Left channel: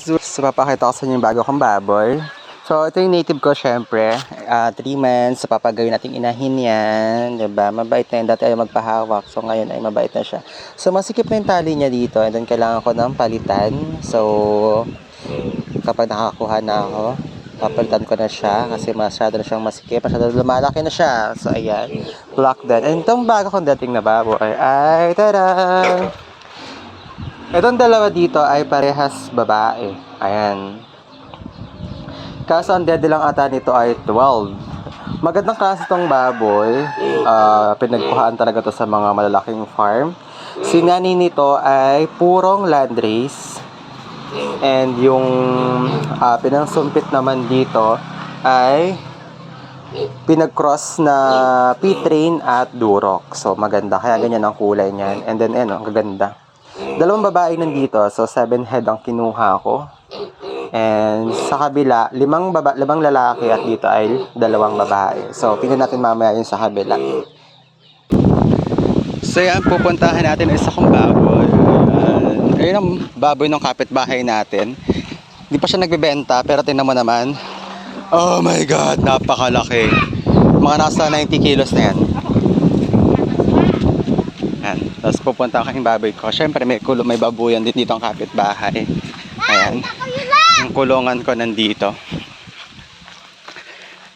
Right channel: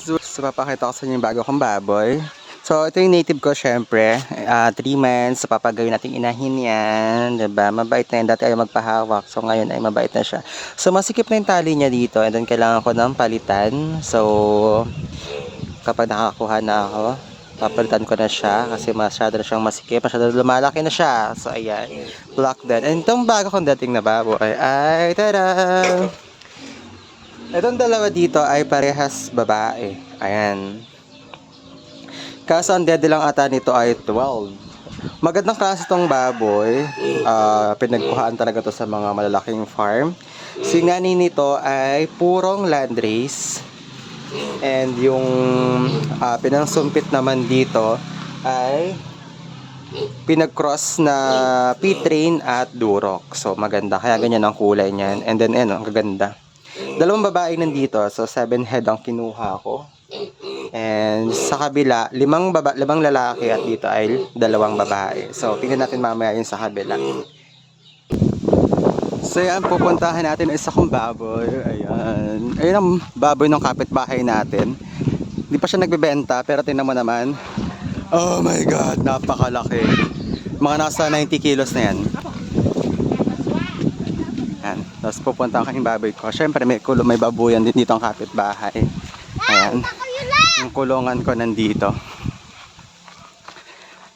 So, papakita ko sa inyo yung bago kong baboy. So, ito yung native ko, syempre. 3 months. So, papagawin natin inahin yan. Diba? Mabait na yan. Dati ay magpahawak. So, ngayon ay mabait na siya. So, masikip na yung tali niya dito. And then, kailangan ko ng palitan. So, kapag nakakuha na ako, papalitan ko na siya. Kasi masyado na siyang masikip. Masyado lumalaki na siya. So, ayan. Block that. And itong bago kong dating na baboy ay, tada! Itong dalawa dito ay parehas babae. Ayan. Kaso ang dede lang ata nito ay 12. Magandang klase itong baboy. Pinagkuhaan talaga to sa mga malalaking farm. Si nanay nito ay purong landrace. And yung pinangsumpit naman dito ay pinag-cross na P-train at Duroc. So maganda. Kaya ganyan ang kulay niyan. And then ang gaganda. Dalawang babae nandito. So 7 head ang kinuha ko. And sa kabila, 5 lalaki at dito ay 2 babae. So tingnan natin mamaya yung sa kabila. So yan, pupuntahan natin isa kong baboy. Ayun ang baboy ng kapitbahay natin. Hindi pa siya nagbebenta pero tingnan mo naman. Oh my God, napakalaki. Mga nasa 90 kilos na yan. Ayan. Tapos pupunta ang aking baboy ko. Siyempre may babuyan din dito ang kapitbahay. Ayan. Yung kulungan ko nandito.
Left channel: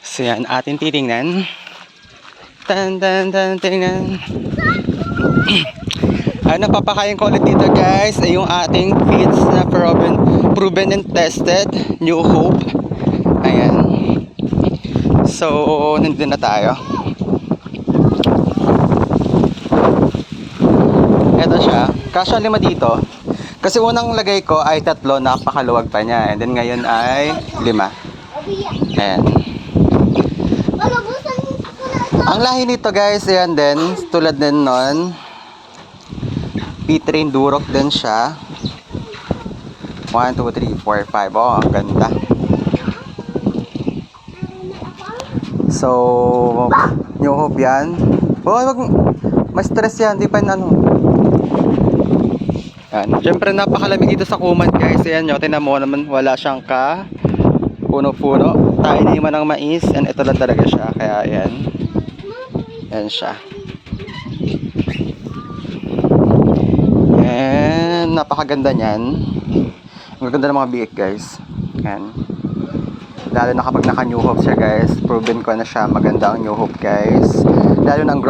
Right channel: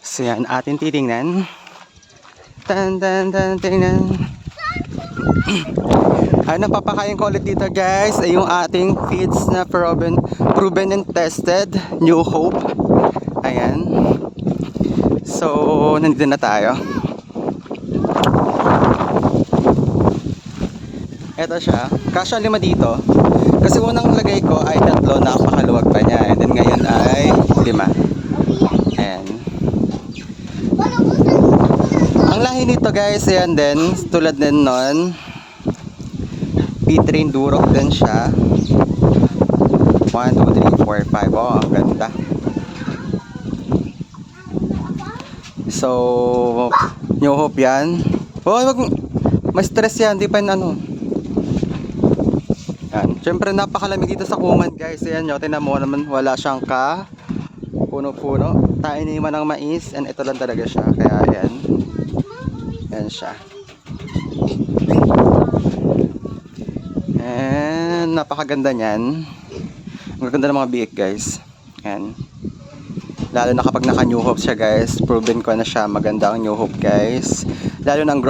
So yan, atin titingnan. Tingnan. Napapakain ko ulit dito guys ay yung ating feeds na proven and tested. New Hope. Ayan. So, nandun na tayo. Ito siya. Kasya 5 dito. Kasi unang lagay ko ay 3, napakaluwag pa niya. And then ngayon ay 5. Ayan. Ang lahi nito guys, ayan din. Tulad din nun. P-train Duroc din siya. 1, 2, 3, 4, 5. Oh, ang ganda. So, New Hope yan. Oh, wag ma-stress yan. Di pa Yan. Siyempre napakalamig dito sa Kuman guys. Ayan nyo, tinan mo naman wala siyang puno-puno. Tayo na yung ng mais. And ito lang talaga siya. Kaya ayan. Ayan siya. And napakaganda niyan. Ang ganda ng mga biik guys. Ayan. Lalo na kapag naka New Hope siya guys. Proven ko na siya. Maganda ang New Hope guys. Lalo na ang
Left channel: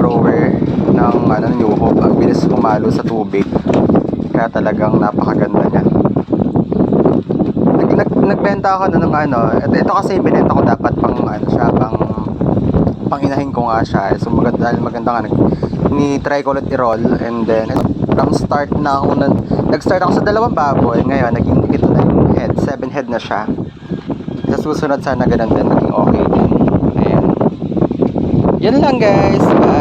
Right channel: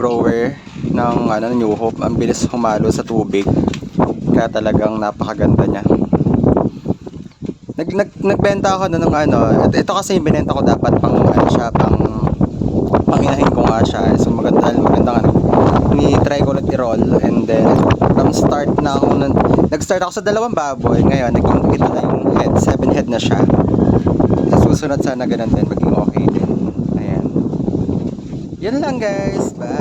grower ng New Hope. Ang bilis humalo sa tubig. Kaya talagang napakaganda niya. Nagbenta ako ng ito kasi binenta ko dapat pang panginahin ko nga siya. So maganda nga ni-try ko ulit i-roll and then nag-start ako sa 2 baboy. Ngayon naging ito na yung head, 7 head na siya. Sa susunod sana ganun din maging okay din. Ayan. Yan lang guys. Bye.